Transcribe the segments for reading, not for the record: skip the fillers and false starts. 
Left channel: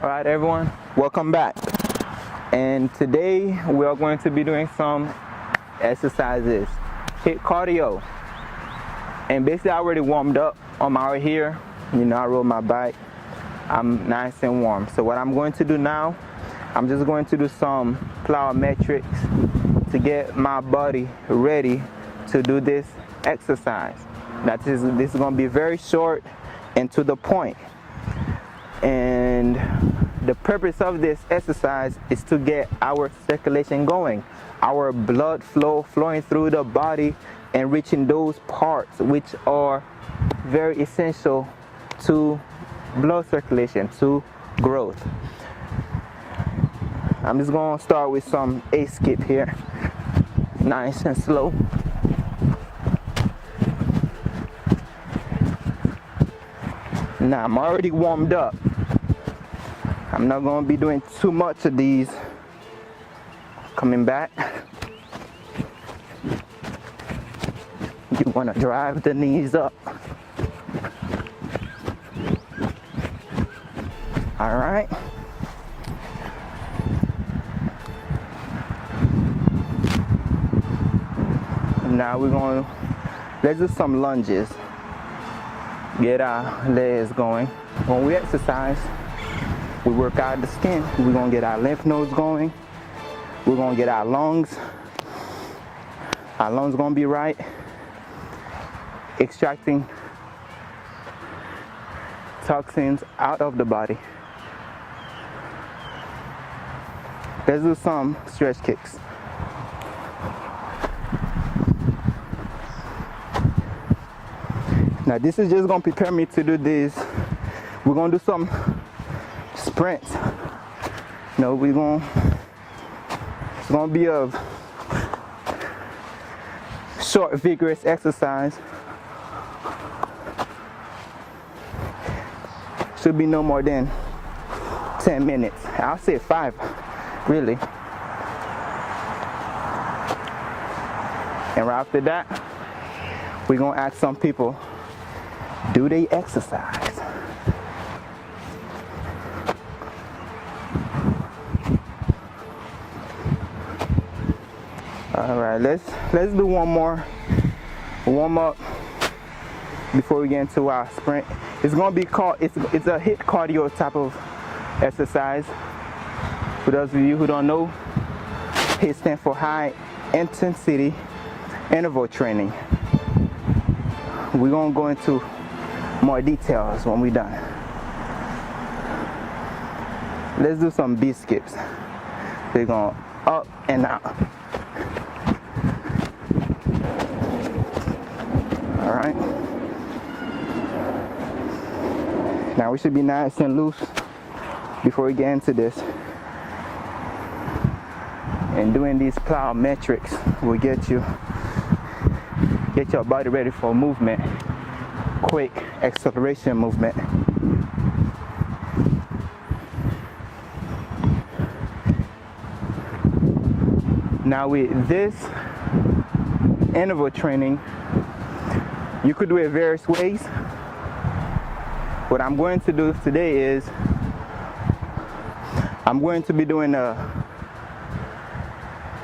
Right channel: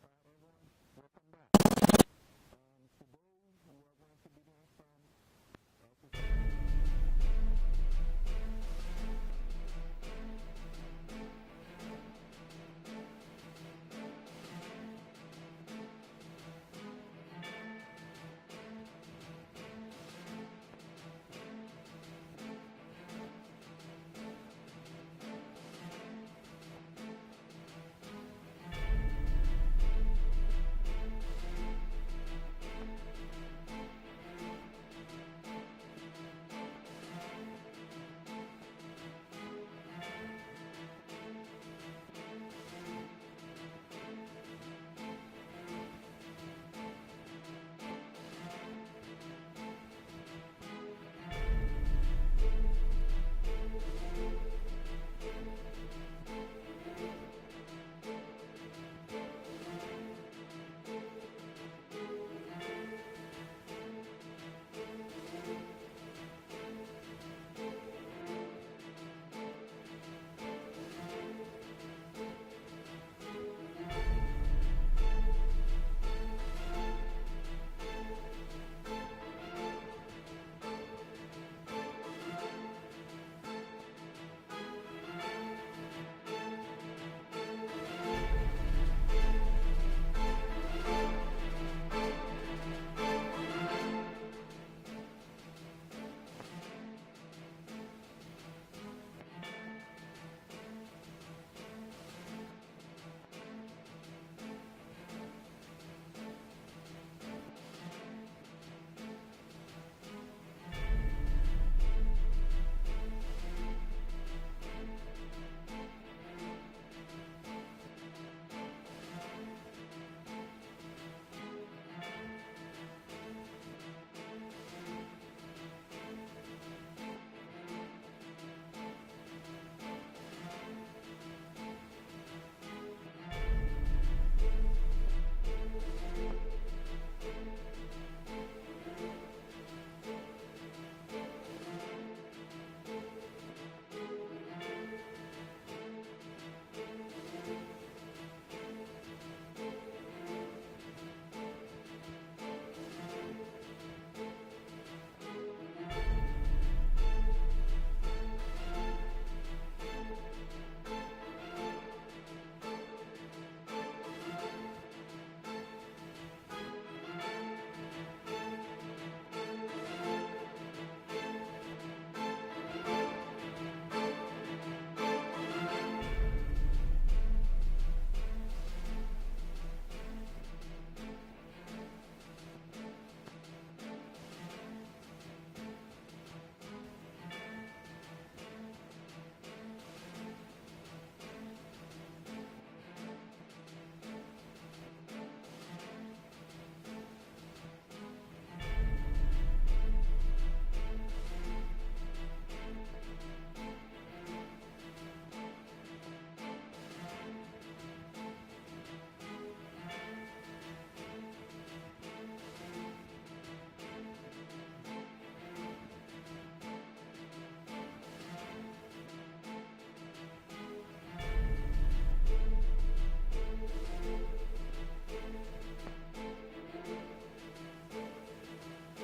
All right, everyone, welcome back. And today we are going to be doing some exercises, hit cardio. And basically I already warmed up. I'm out here, I rode my bike. I'm nice and warm. So what I'm going to do now, I'm just going to do some plyometrics to get my body ready to do this exercise. This is going to be very short and to the point. And the purpose of this exercise is to get our circulation going, our blood flowing through the body and reaching those parts which are very essential to blood circulation, to growth. I'm just going to start with some A skip here, nice and slow. Now I'm already warmed up. I'm not going to be doing too much of these. Coming back. You want to drive the knees up. All right. Now let's do some lunges. Get our legs going. When we exercise, we work out the skin. We're going to get our lymph nodes going. We're going to get our lungs. Our lungs going to be right. Extracting toxins out of the body. Let's do some stretch kicks. Now this is just going to prepare me to do this. We're going to do some sprints. It's going to be a short, vigorous exercise. Should be no more than 10 minutes. I'll say 5, really. And right after that, we're going to ask some people, do they exercise? All right, let's do one more warm up before we get into our sprint. It's going to be called, it's a hit cardio type of exercise. For those of you who don't know, HIT stands for high intensity interval training. We're going to go into more details when we're done. Let's do some B skips. We're going up and out. All right. Now we should be nice and loose before we get into this. And doing these plyometrics will get your body ready for movement, quick acceleration movement. Now with this interval training, you could do it various ways. What I'm going to do today is I'm going to be doing a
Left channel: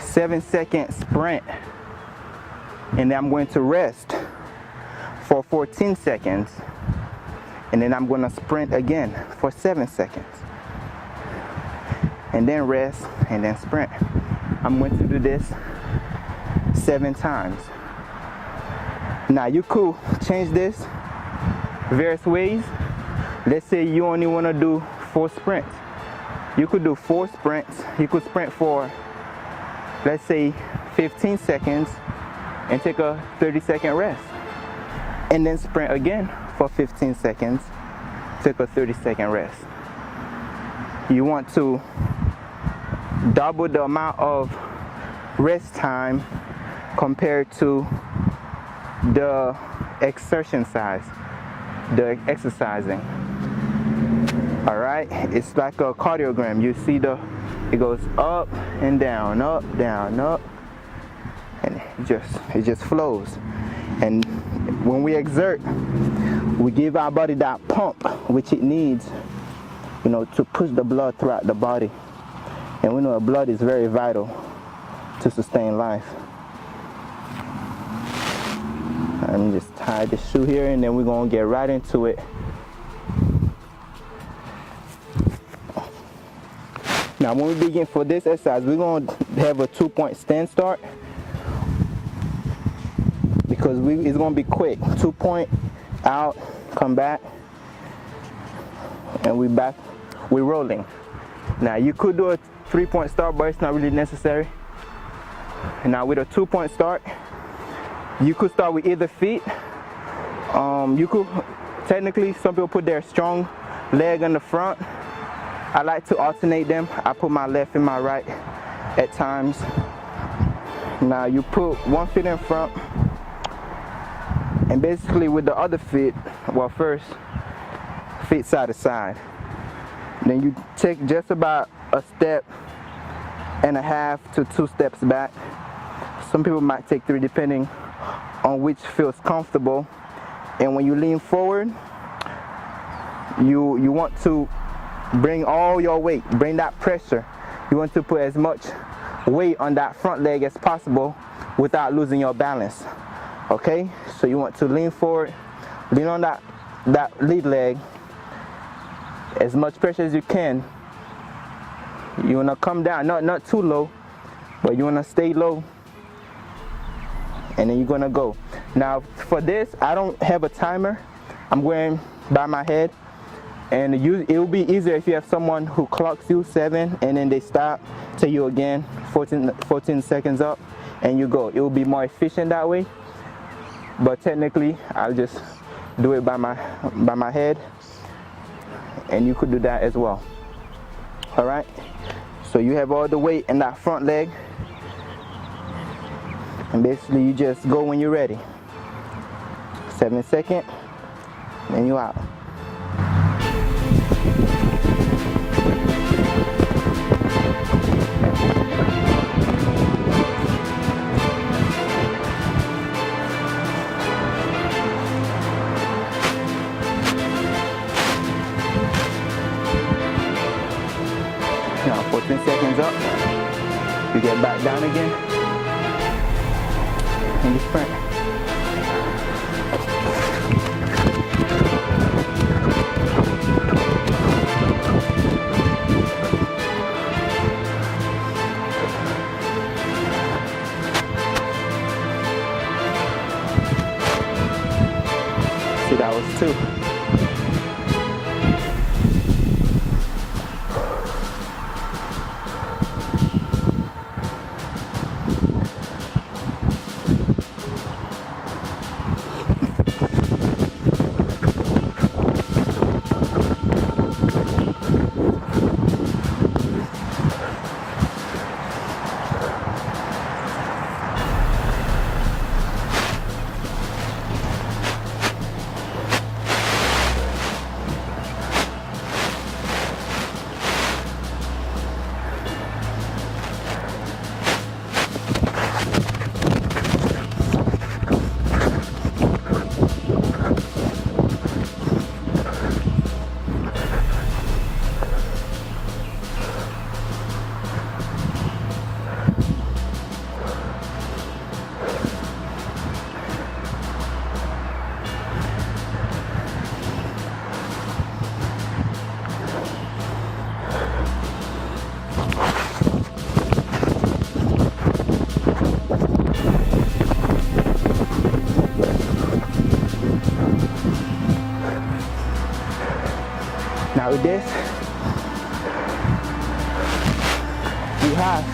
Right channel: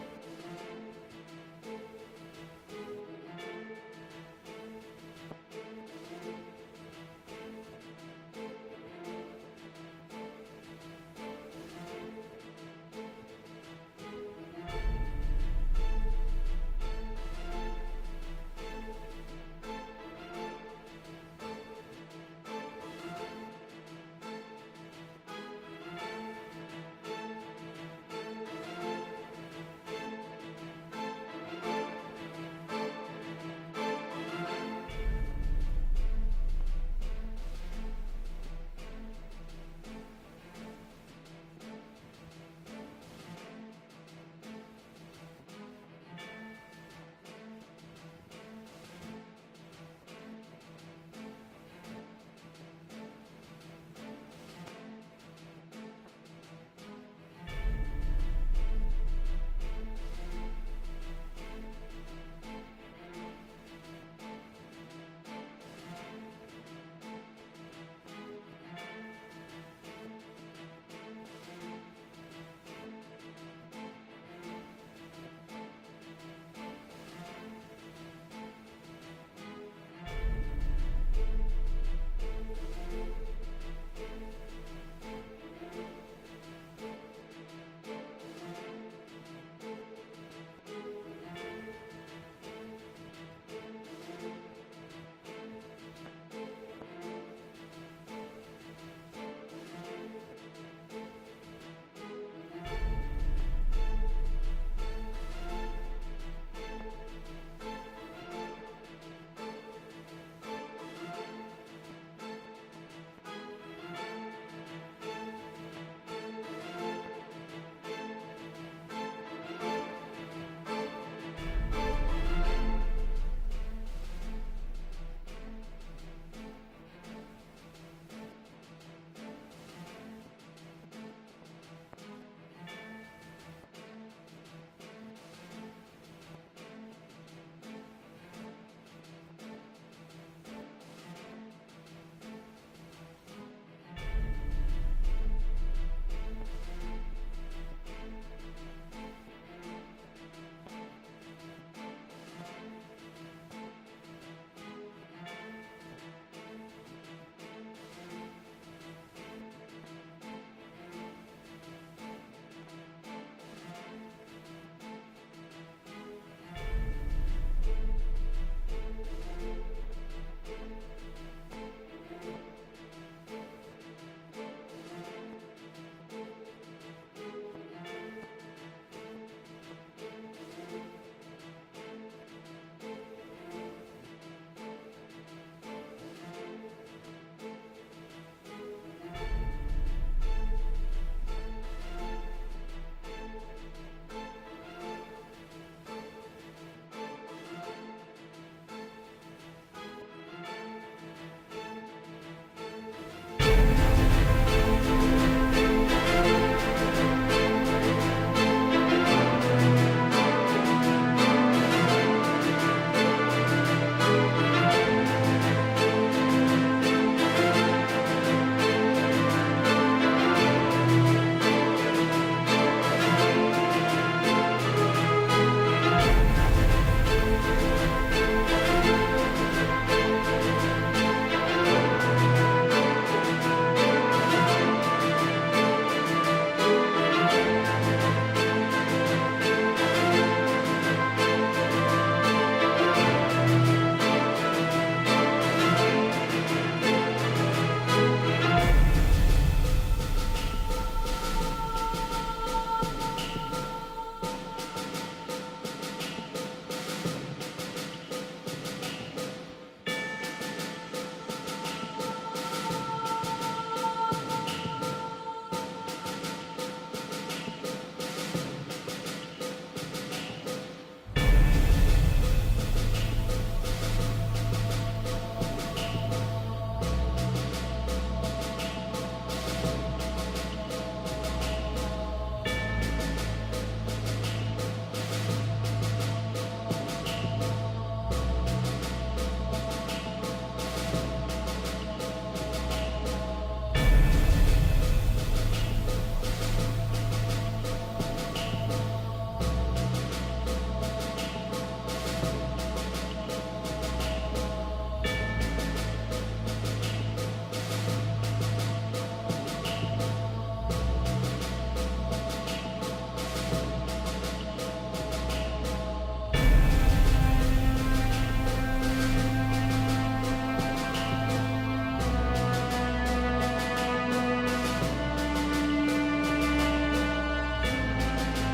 7-second sprint, and then I'm going to rest for 14 seconds, and then I'm going to sprint again for 7 seconds, and then rest and then sprint. I'm going to do this 7 times. Now you could change this various ways. Let's say you only want to do 4 sprints. You could do 4 sprints. You could sprint for, let's say, 15 seconds and take a 30-second rest. And then sprint again for 15 seconds, take a 30-second rest. You want to double the amount of rest time compared to the exertion size, the exercising. All right, it's like a cardiogram. You see it goes up and down, up, down, up, and it just flows. And when we exert, we give our body that pump which it needs to push the blood throughout the body. And we know the blood is very vital to sustain life. Let me just tie the shoe here, and then we're going to get right into it. Now, when we begin for this exercise, we're going to have a 2-point stand start, because it's going to be quick. 2-point, out, come back, and we're rolling. Now, you could do a 3-point start, but it's not really necessary. Now, with a 2-point start, you could start with either feet. You could, technically, some people put their strong leg on the front. I like to alternate them. I put my left and my right at times. Now you put one foot in front, and basically with the other foot, well, first, feet side to side. Then you take just about a step and a half to 2 steps back. Some people might take 3, depending on which feels comfortable. And when you lean forward, you want to bring all your weight, bring that pressure. You want to put as much weight on that front leg as possible without losing your balance. Okay? So you want to lean forward, lean on that lead leg, as much pressure as you can. You want to come down, not too low, but you want to stay low, and then you're going to go. Now for this, I don't have a timer. I'm going by my head. And it will be easier if you have someone who clocks you 7, and then they stop, tell you again 14 seconds up, and you go. It will be more efficient that way. But technically, I'll just do it by my head, and you could do that as well. All right. So you have all the weight in that front leg, and basically you just go when you're ready. 7 seconds, and you're out. Now 14 seconds up, you get back down again, and you sprint. See, that was 2. Now with this, you have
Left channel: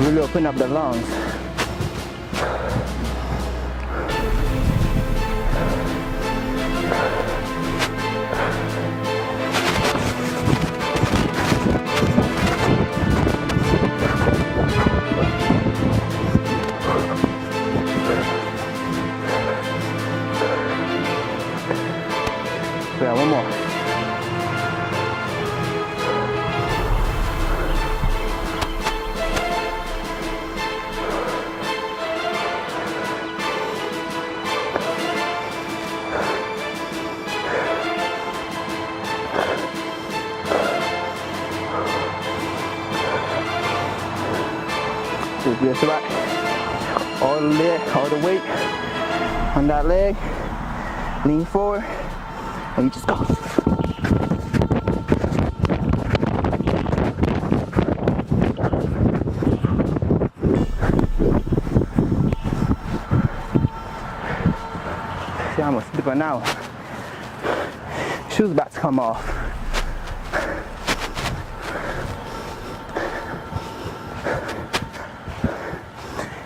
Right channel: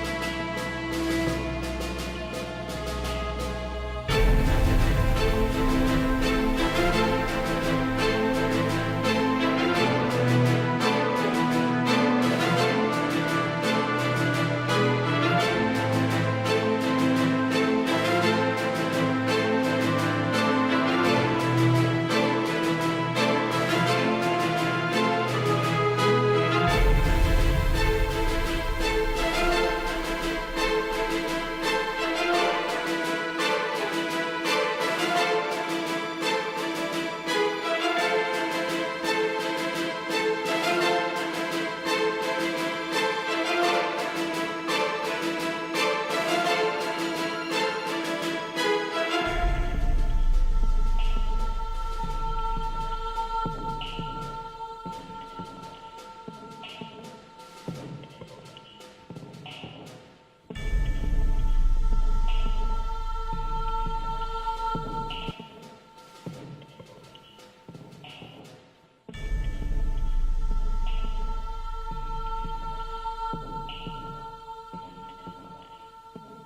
really open up the lungs. Just right. All the weight on that leg. Lean forward, and you just go. See, I'm gonna slip now. Shoes about to come off.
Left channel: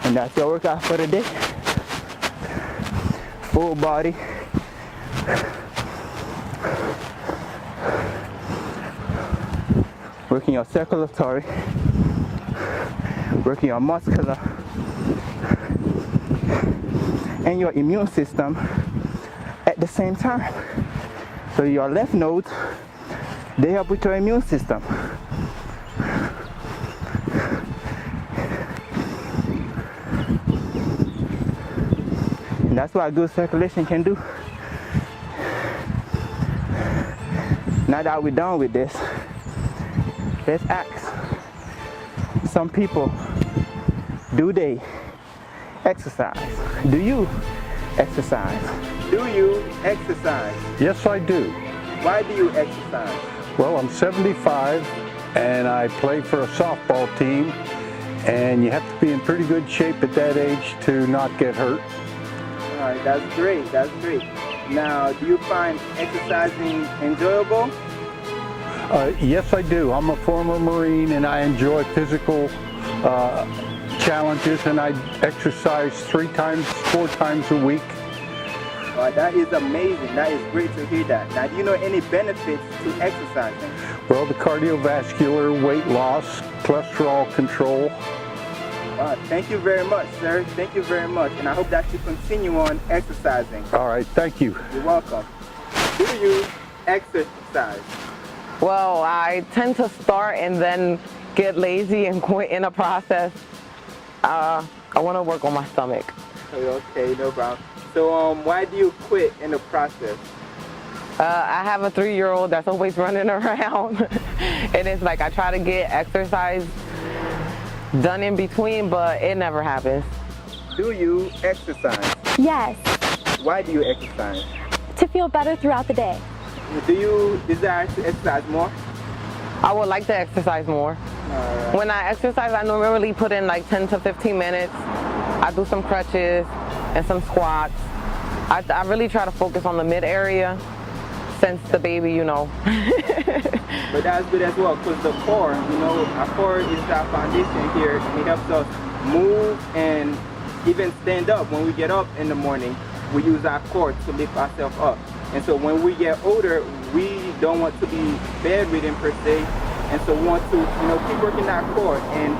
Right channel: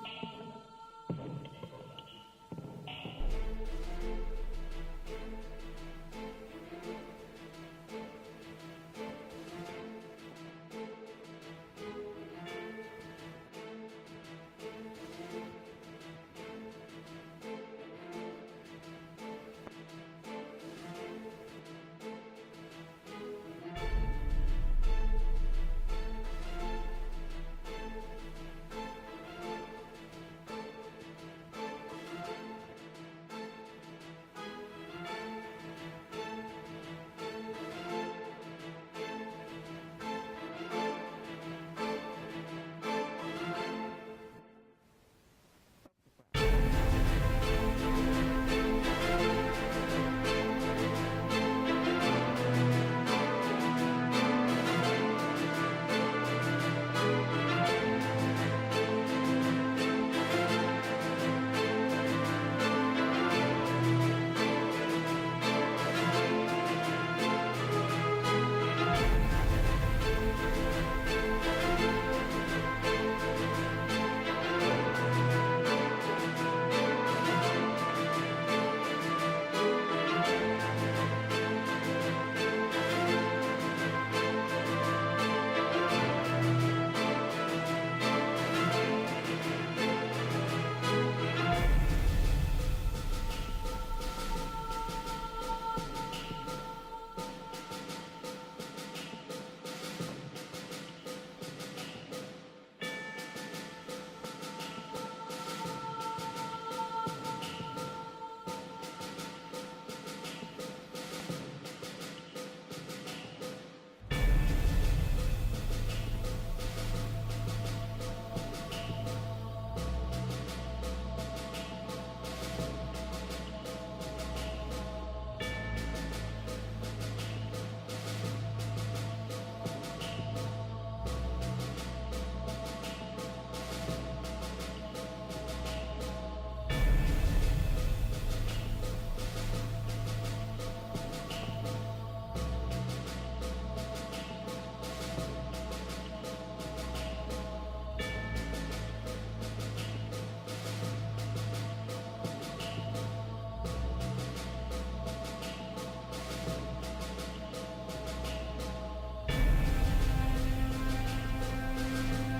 And that's your workout for the day. Full body. Working your circulatory, working your muscular and your immune system at the same time. So your lymph nodes, they help with your immune system. And that's what good circulation can do. Now that we're done with this, let's ask some people, do they exercise? Do you exercise? Do you exercise? Yes, I do. Why do you exercise? Well, I'm 75 and I play for a softball team, and you have to be in pretty good shape at that age to not get hurt. All right, that's great, that's great. Now, do you find exercising enjoyable? Yes, I do. I'm a former Marine and I enjoy physical challenges, and I exercise 4 times a week. That is amazing. That is great to hear that. Now, do you know any benefits to exercising? Well, the cardiovascular, weight loss, cholesterol control. Thank you very much, sir. Thank you very much. And I hope that you continue on exercising. All right, thank you. You're welcome. Do you exercise? Well, I tend to start and then get lazy and quit in the process. I want to work on my stomach. Okay, no problem. So why do you quit in the process? I have a 3-year-old that's always running around. And it's like I try to get exercise done in between, but it never happens. Do you exercise? Yes, Why do you exercise? to feel better throughout the day. Do you desire to exercise more? I would like to exercise more. When I exercise, I normally put in like 10 to 15 minutes. I do some crutches and some squats. I really try to focus on the mid area since the baby, you know. But that's good as well, because the core, you know, our core is our foundation here, and it helps us move and even stand up. When we get up in the morning, we use our core to lift ourselves up. And so when we get older, we don't want to be bedridden per se, and so we want to, you know, keep working our core and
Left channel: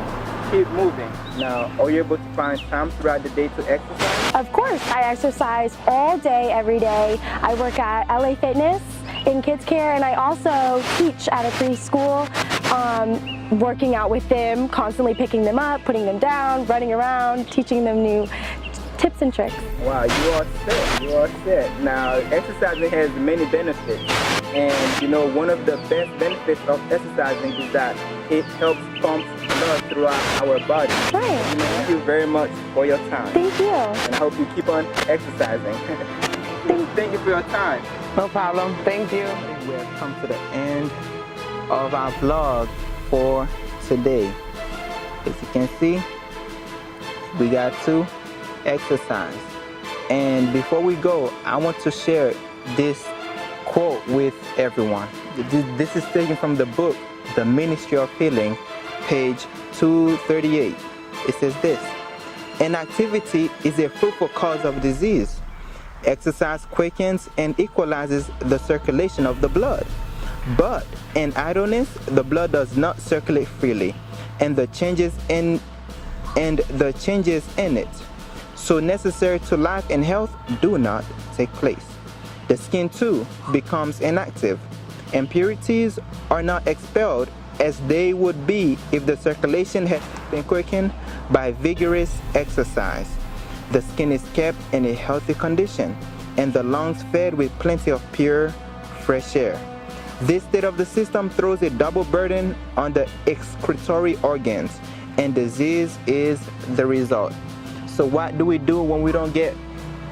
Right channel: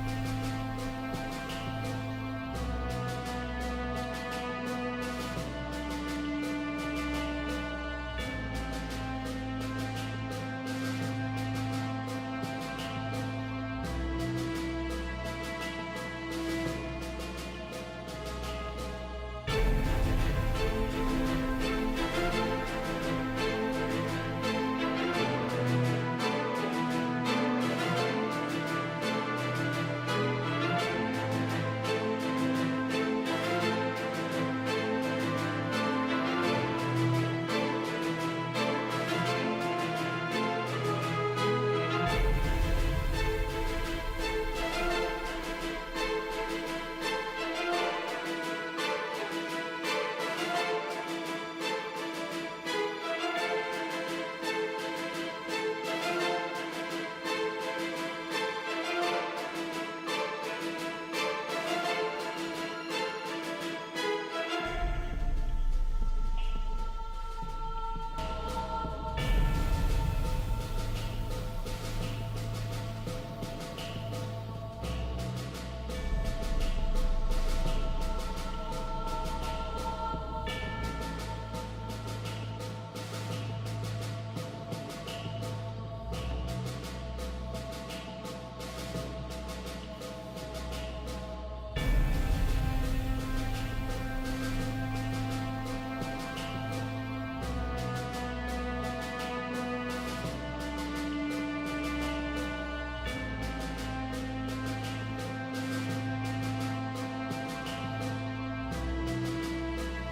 keep moving. Now, are you able to find time throughout the day to exercise? Of course, I exercise all day, every day. I work at LA Fitness in kids care, and I also teach at a preschool, working out with them, constantly picking them up, putting them down, running around, teaching them new tips and tricks. Wow, you are set. You are set. Now, exercising has many benefits. And, you know, one of the best benefits of exercising is that it helps pump blood throughout our body. Right. Thank you very much for your time. Thank you. And I hope you keep on exercising. Thank you for your time. No problem. Thank you. We have come to the end of our vlog for today. As you can see, we got to exercise. And before we go, I want to share this quote with everyone. This is taken from the book, The Ministry of Healing, page 238. It says this: inactivity is a fruitful cause of disease. Exercise quickens and equalizes the circulation of the blood. But in idleness, the blood does not circulate freely, and the changes in it, so necessary to life and health, do not take place. The skin too becomes inactive. Impurities are not expelled as they would be if the circulation had been quickened by vigorous exercise. The skin is kept in a healthy condition, and the lungs fed with plenty of pure, fresh air. This state of the system throws a double burden on the excretory organs, and disease is the result. So what do we do when we don't get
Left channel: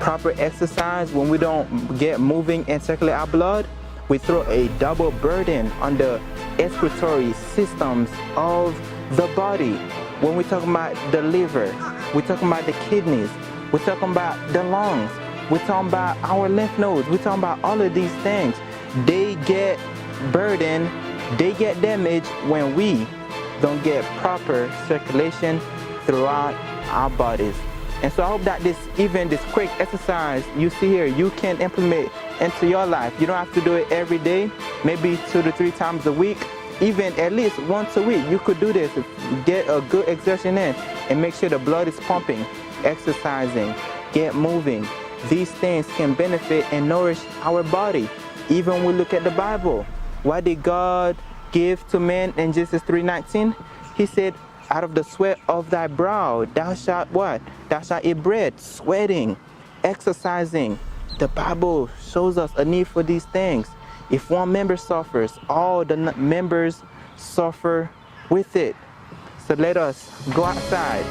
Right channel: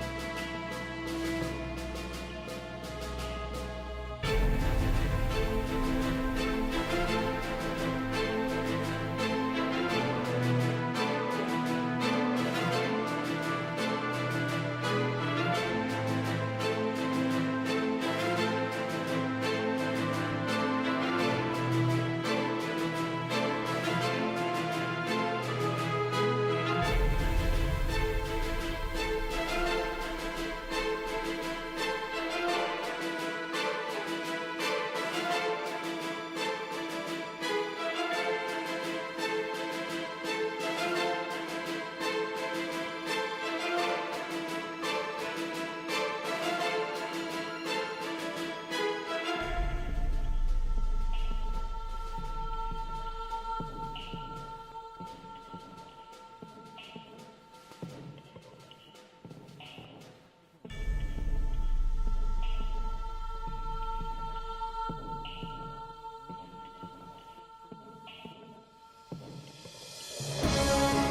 proper exercise, when we don't get moving and circulate our blood? We throw a double burden on the excretory systems of the body. When we talk about the liver, we're talking about the kidneys, we're talking about the lungs, we're talking about our lymph nodes, we're talking about all of these things. They get burdened, they get damaged when we don't get proper circulation throughout our bodies. And so I hope that this quick exercise you see here, you can implement into your life. You don't have to do it every day, maybe 2 to 3 times a week, even at least once a week. You could do this, get a good exertion in and make sure the blood is pumping, exercising, get moving. These things can benefit and nourish our body. Even when we look at the Bible, what did God give to man in Genesis 3:19? He said, out of the sweat of thy brow, thou shalt what? Thou shalt eat bread, sweating, exercising. The Bible shows us a need for these things. If one member suffers, all the members suffer with it. So let us go outside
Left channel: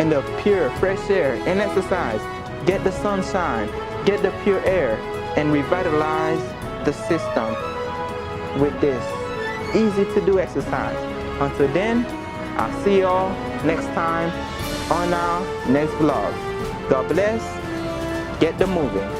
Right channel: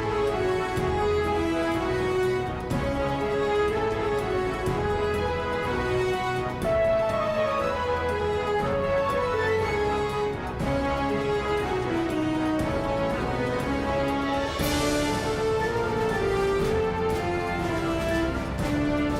in the pure, fresh air and exercise. Get the sunshine, get the pure air, and revitalize the system with this easy to do exercise. Until then, I'll see y'all next time on our next vlog. God bless. Get the moving.